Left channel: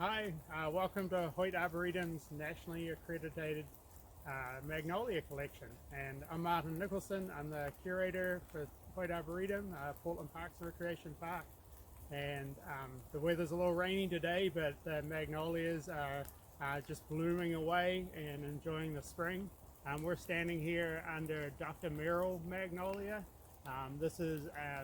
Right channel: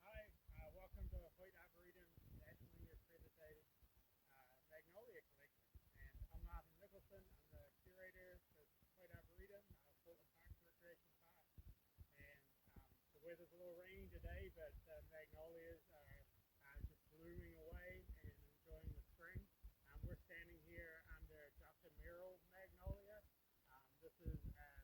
Hi, welcome to Hoyt Arboretum's nationally accredited Magnolia collection. And I'm Martin Nicholson. I'm the curator for Hoyt Arboretum, Portland Parks and Recreation Park. And the weather's a little rainy today, but the magnolias are just blooming away and enjoying the spring. We're standing here under Dr. Merrill Magnolia. This is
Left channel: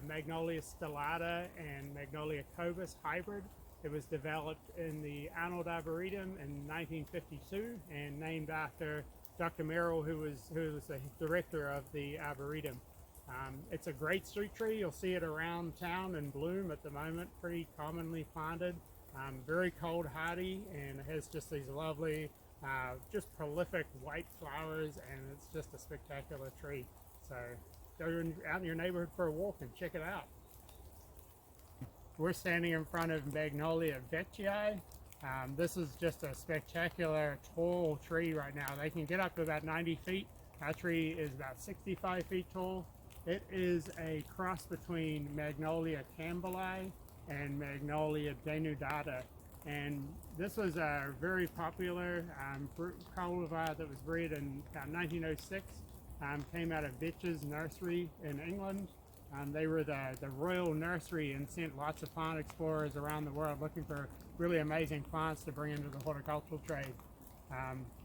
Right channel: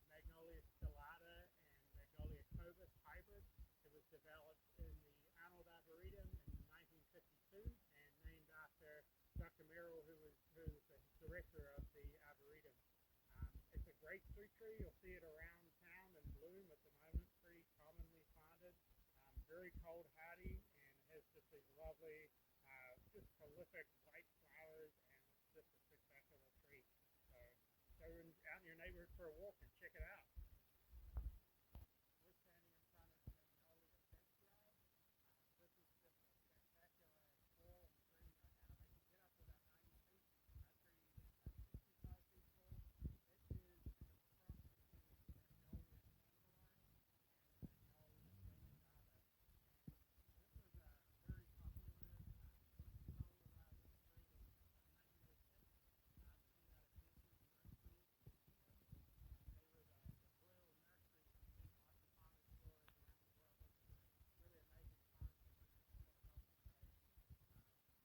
Magnolia stellata and Magnolia cobus hybrid. It was developed in the Arnold Arboretum in 1952 and named after Dr. Merrill, who was the director of the Arboretum. It's a great street tree. You'll see it around town in bloom at the moment, pretty commonly planted. Very cold hardy, and it has just these lovely, just prolific white flowers, and it's just a spectacular tree. So go out in your neighborhood for a walk and check it out. We're standing in front of Magnolia Veggie. This is just a spectacular tall tree right now. They can get up to about 90 feet. Our tree is about 65 feet tall. It is a cross between Magnolia campbelli and Magnolia denudata. And this was a very popular cultivar that was bred in about 1906. Came out of Vetch's nursery in England. They were the royal nursery and sent lots of plant explorers around the world looking for really amazing plants to bring into the horticultural trade.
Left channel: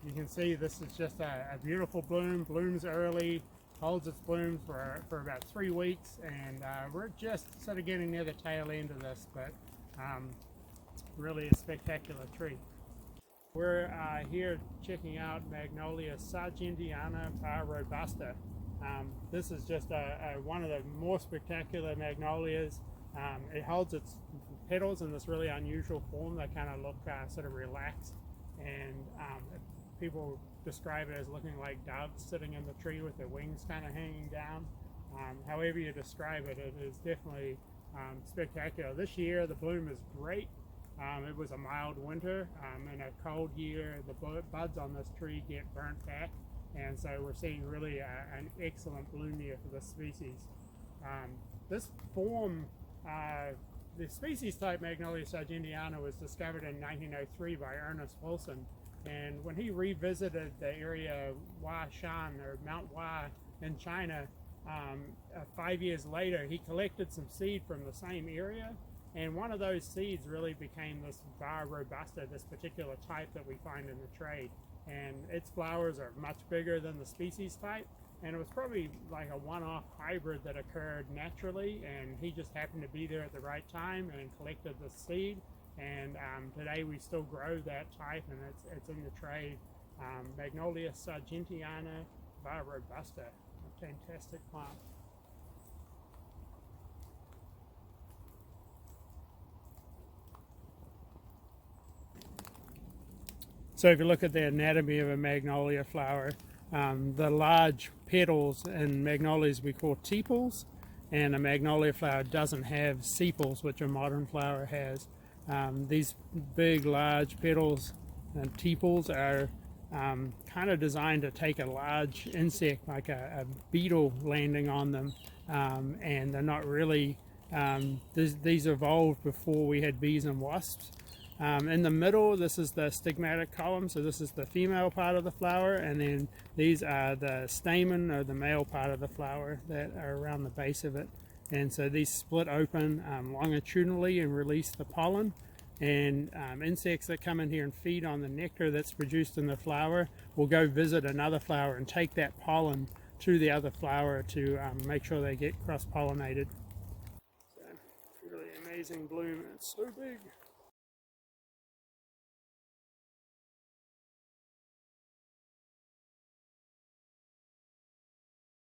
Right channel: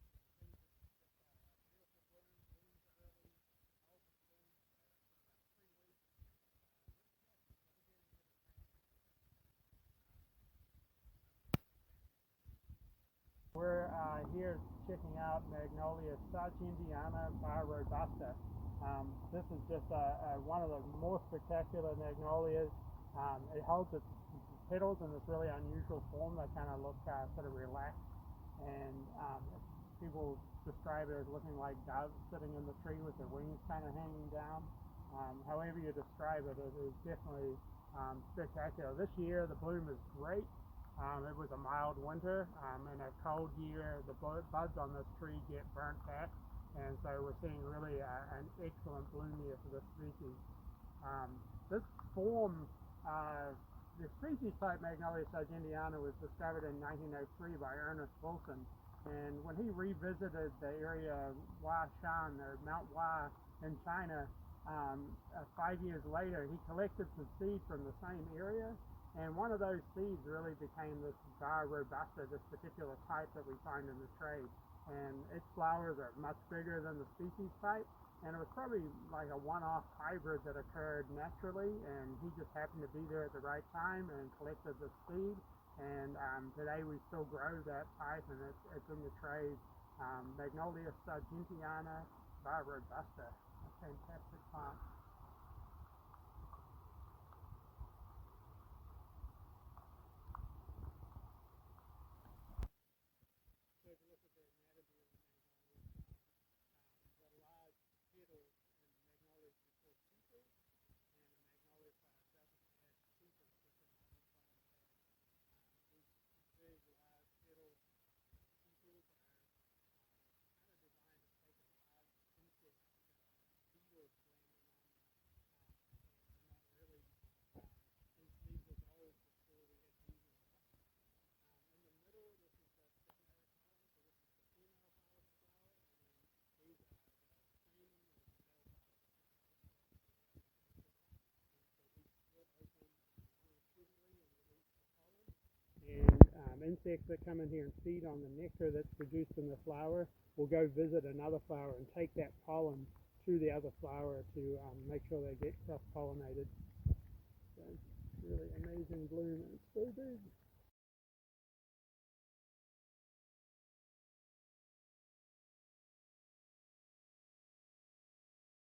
You can see this is just a beautiful bloom, blooms early, holds its bloom for about 3 weeks, and we're just sort of getting near the tail end of this, but really a spectacular tree. We're here checking out Magnolia sargentiana by Robusta. This is just one of the more spectacular magnolias. It holds its petals in this really unusual form. They kind of look sort of relaxed, and people describe it as looking like doves sitting in the tree with their wings kind of hanging down. However you describe it, it is definitely spectacular. This year the bloom is great. It was a mild winter. In a cold year, the buds on this tree get burnt back, and so we're seeing really an excellent bloom year for this species. This form, the species type Magnolia sargentiana, was discovered in 1903 by Ernest Wilson, and when he revisited the area of Huashan, or Mount Hua in China, 5 years later, he collected some seed from the same area, and one of those seeds really became this Vir Robusta, this particular type that we find in the trade. And its flowers are much bigger than the species type, and it was probably like a one-off hybrid that occurred naturally, and he just happened to be there at the right time and collected the seed. And today we still grow that type, and it's in the trade. Magnolia sargentiana by Robusta, a fantastic plant. So if you look at the anatomy of a magnolia flower, the large petals in magnolias we call tepals, and a magnolia flower doesn't have sepals, which a modern flower has. These big, large petals and tepals are kind of designed to take a large insect, like a beetle, landing on them, and they're not really, these evolved before we had bees and wasps. In the middle, this is the stigmatic column, so this is the female part of the flower, and then these are the stamen, or the male part of the flower, that are around the base of it. And so these split open longitudinally and release the pollen, and insects that come in here and feed on the nectar that's produced in the flower will go visit another flower and take that pollen to the other flower to make sure they get cross-pollinated. So, really amazing bloom, it's so big.